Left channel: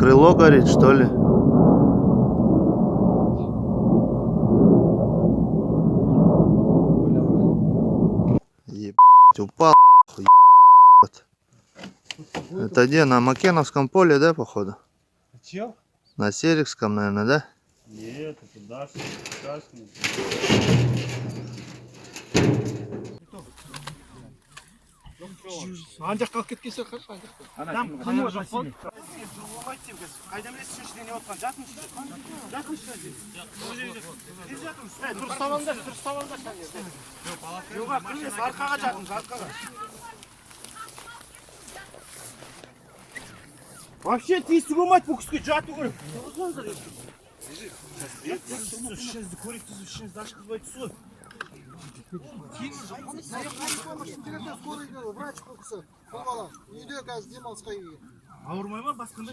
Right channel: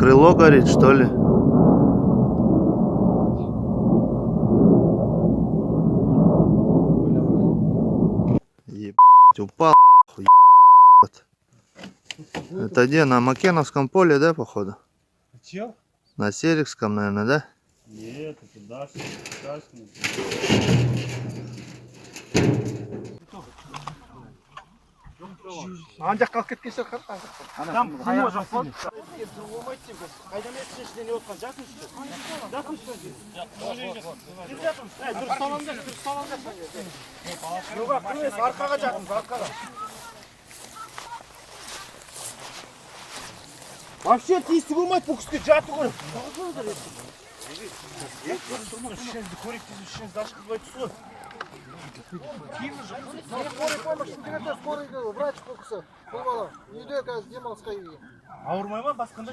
Крыло горит, что ли? Ебать, упал. Ебать. Это где? На Макеновском поле, да, походу? Чё? На Серикском, наверное, да? Нет, это Дашный. Андақ қалып кеткенше қарсы там қылма жоқ болды. Қайдан естісің ішіне не отқан жатыңызшы. Жатыңызшы. Тез жатыңыз. Дұрыс салаңдар, дұрыс салаңдар. Жоға кірмес, арқаға жатыңыз, арқаға. Вообще тиісті болмайды бұл кісіге жату керек. Ішіңізді көректесіп, ішіңізді ашқызбай түсі. Скорый помощь скорый врач бұл кісі. Бұл бала. Үйде қазір демалысқа келген. Ауырмай ма басқанда